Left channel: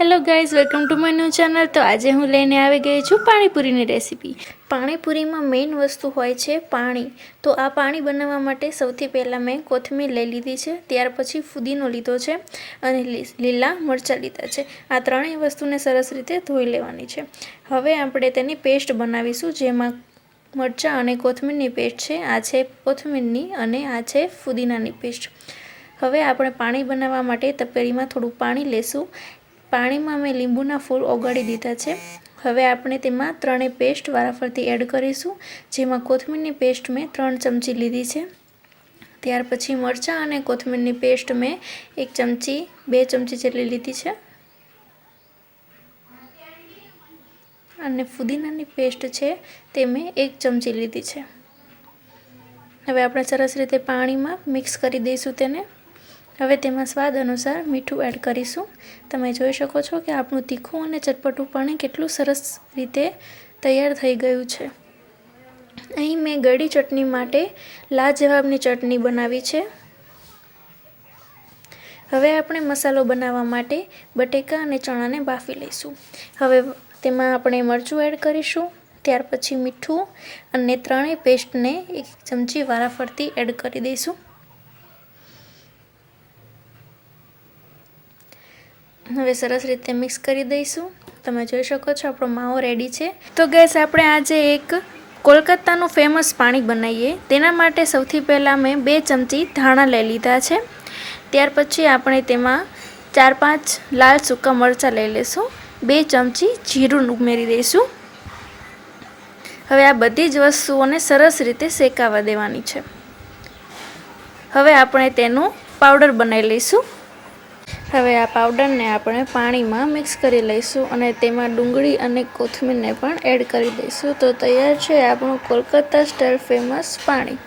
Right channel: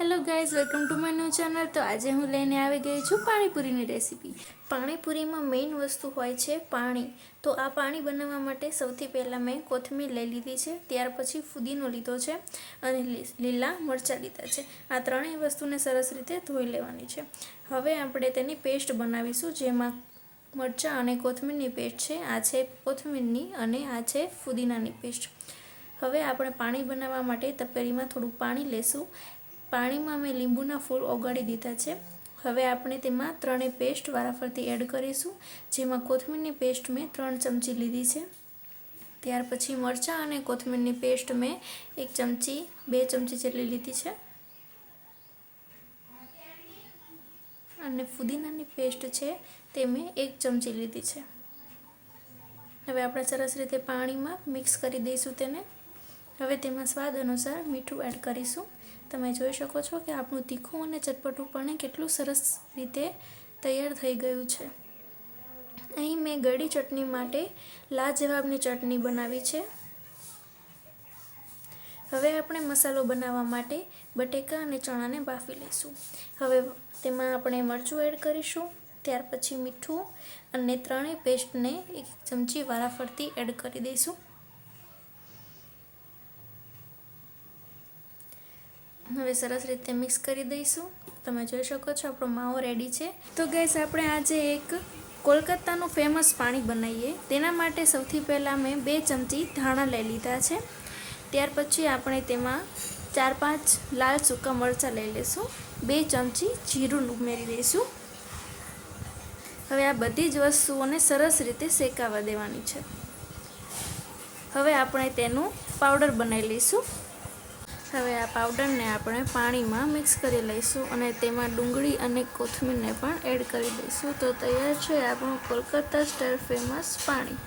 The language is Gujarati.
Hello guys welcome to my new channel તો આજે હું લઈને આવી ગઈ છું પાણીપુરીની રેસીપી પાણીપુરીમાં મેઇન વસ્તુ હોય છે પાણી. તો આ પાણી બનાવવા માટે સૌથી પહેલાં મેં કોથમીર લઈ લીધી છે, ત્યાર પછી ફુદીનો લીધો છે અને લીલા મરચાં લીધા છે. આ ત્રણેય વસ્તુને સરસ રીતે ધોઈ લેવાની છે. હવે આપણે તેની પેસ્ટ બનાવીશું, જેમાં મરચાં અને કોથમીરની પેસ્ટ છે, આ છે કોથમીરની અને આ છે ફુદીનાની પેસ્ટ. હવે આપણે પાણી બનાવવા માટે તપેલીમાં થોડું પાણી લેશું. પાણીમાં મેં લીંબુના ફૂલ ઓગાળી દીધા છે. હવે આપણે તેમાં ત્રણેય પેસ્ટ વારાફરતી એડ કરીશું, જેમાં કોથમીરની પેસ્ટ મેં ત્રણ ચમચી લીધી છે. ત્યાર પછી મરચાં અને કોથમીરની પેસ્ટ મેં એક ચમચી, બે ચમચી જેટલી લીધી છે. અને ફુદીનાની પેસ્ટ છે તે મેં એક ચમચી લીધી છે. હવે આપણે સરસ રીતે પાણીમાં મિક્સ કરી દઈશું તેને. હવે તેમાં સ્વાદ અનુસાર મીઠું એડ કરીશું. તમે જોઈ શકો છો કે આપણું તીખું અને ચટપટું પાણી કેટલું સરસ રીતે તૈયાર થઈ ગયું છે. અહીં મેં ગળી ચટણી માટે લાજવાબની ચટણી બનાવી છે. હવે આપણે મસાલો બનાવવા માટે બટેકા અને ચણાને બાફી લઈશું. હવે તેમાં આપણે મરચું એડ કરીશું, ત્યાર પછી મીઠું અને ત્રણેય પેસ્ટને એક ચમચી વારાફરતી એડ કરી દઈશું. હવે સરસ રીતે મિક્સ કરી દઈશું. તમે જોઈ શકો છો, આપણો માવો રેડી છે. તો ગેસ આપણે આજે એક કોલકાતાનું ફેમસ પાણી બનાવીએ. તેના માટે સૌથી પહેલાં મેં બે ચમચી ધાણા લઈ લીધા છે. ત્યાર પછી આપણે તેમાં ચાર પાંચ લાલ સૂકા મરચાં લઈ લઈશું. બે ચમચી જીરું ઉમેરી દઈશું. હવે આ બધી જ વસ્તુઓને સરસ રીતે શેકાવા દેવાની છે. હવે આપણે તેનું પાવડર બનાવી લઈશું. હવે આ પાવડરને આપણે પાણીમાં મિક્સ કરી લઈશું અને તેમાં ડુંગળી અને કોથમીરને પણ એડ કરી દઈશું. તો તૈયાર છે આપણું કોલકાતા સ્ટાઇલ ફેમસ પાણી.